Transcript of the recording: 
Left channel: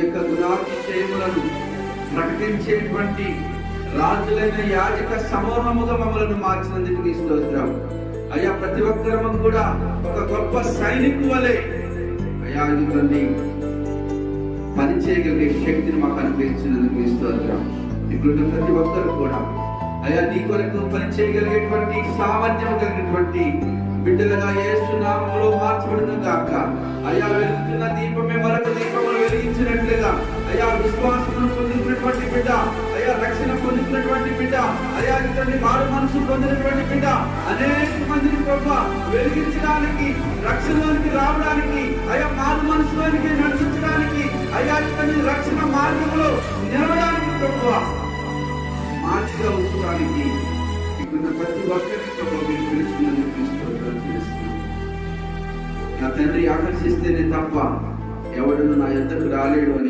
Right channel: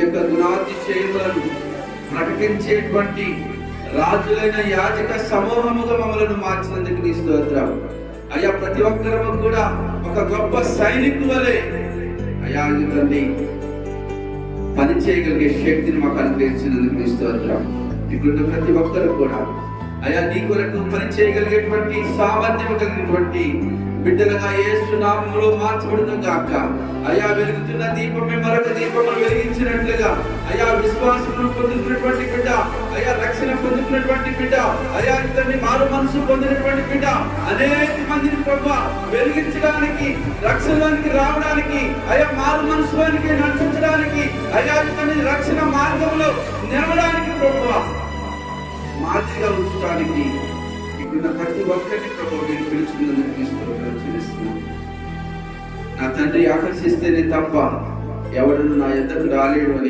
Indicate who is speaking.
Speaker 1: యొక్క గుణాతిశయములను ప్రకటించేటువంటి రాజులైన యాజక సమూహముగా మమ్మలను మార్చినందుకు నీ స్తోత్రం. అయ్యా ప్రతి ఒక్కరము కూడా ఒక గొప్ప సైనికు వలె అయ్యా ఇదిగోండి పని చేయగలిగే శక్తిని మాకు అనుగ్రహించినందుకు మీ స్తోత్రం. ఇక్కడున్న ప్రతి ఒక్కరు కూడా అయ్యా నీ కొరకు పని చేయగలిగేటువంటి సామర్థ్యం కలిగినటువంటి బిడ్డలుగా యేసు నామములో మార్చబడును కాక అయ్యా వెలుగుతున్న దీపం అయా విశ్వాసం పొందినటువంటి బిడ్డ అయా రక్షణ పొందినటువంటి బిడ్డ అయా ఇతని మారు మనసు పొందినటువంటి బిడ్డ. అనేక మందిని ప్రభు వెలిగించడానికి రక్షణలోనికి రావడానికి అయా మారు మనసులోనికి నడిపించడానికి అయా ఇతని రక్షణ మార్గంలో నిలవడానికి ప్రభు మార్చిగా ఉంచడానికి ఇక్కడ ప్రతి ఒక్కరికి ప్రభు మీరు నా తండ్రి ఆకర్షిస్తేనే తప్ప ఎవడు నా ఎద్దకు రాలేడు అని